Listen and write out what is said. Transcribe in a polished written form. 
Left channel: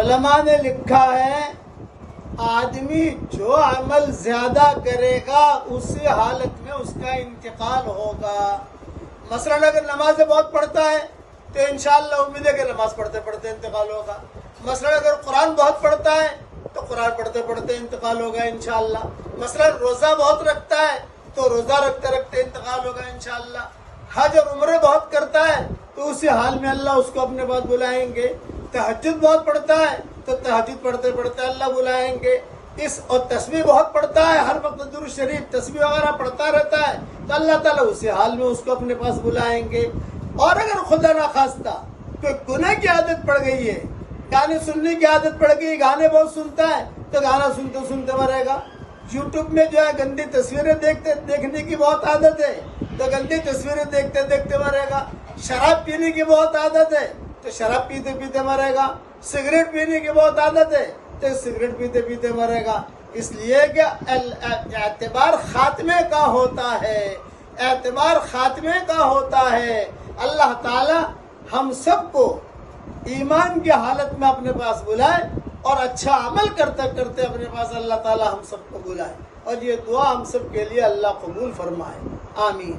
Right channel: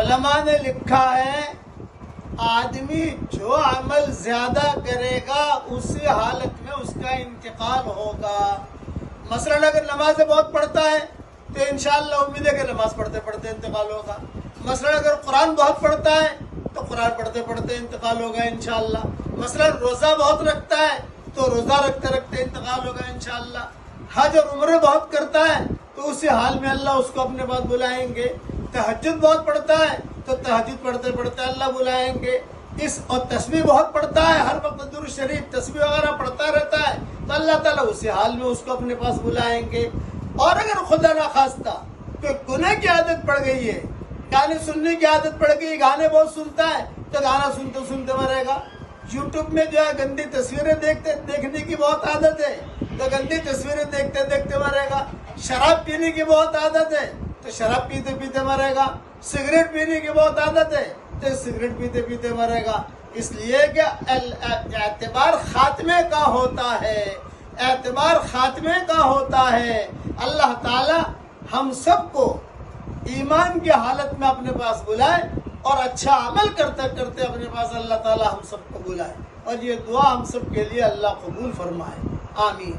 علماء نے لکھا ہے آدمی جو عمل زیادہ کرے گا اسی حالت میں اس کا انتقال ہوگا۔ مثلا اگر نمازیں بہت پڑھتا ہے تو انشاءاللہ امید ہے کہ نماز پڑھتے پڑھتے انتقال ہوگا۔ مثلا اگر قرآن بہت پڑھتا ہے تو قرآن پڑھتے پڑھتے انتقال ہوگا انشاءاللہ۔ مثلا روزہ بہت رکھتا ہے تو روزہ رکھتے رکھتے انتقال ہوگا انشاءاللہ۔ حج اور عمرہ بہت کرتا ہے تو اسی حال میں اللہ اس کو اپنے پاس بلائیں گے۔ تہجد بہت پڑھتا ہے تو تہجد پڑھتے پڑھتے اللہ بلائیں گے۔ اور تسبیح بہت پڑھتا ہے، ہر وقت درود شریف تسبیح وغیرہ پڑھتا رہتا ہے تو اللہ تعالیٰ اسی حال میں اس کو اپنے پاس بلائیں گے۔ اور اگر خدا نخواستہ کوئی گناہ کی عادت پڑ گئی ہے، گانے سننے کی عادت پڑ گئی، گانے بہت سنتا ہے تو گانا سنتے سنتے مرے گا۔ یوٹیوب میں جو ہے گندی تصویریں دیکھنے کی بہت عادت ہے تو گندی تصویریں دیکھتے دیکھتے مرے گا۔ شراب پینے کی بہت عادت ہے تو شراب پیتے پیتے مرے گا۔ سگریٹ پینے کی بہت عادت ہے تو سگریٹ پیتے پیتے مرے گا۔ اس لیے کہ اعتبار خاتمے کا ہوتا ہے، اعتبار خاتمے کا ہوتا ہے۔ اللہ تعالی ہم سب کو ایمان کی حالت میں اپنے پاس بلائے اور اچھا عمل کرتے کرتے اپنے پاس اللہ تعالی ہم سب کو بلائے، اور یہ دعا ہم سب کے لیے اللہ قبول فرمائے، آمین۔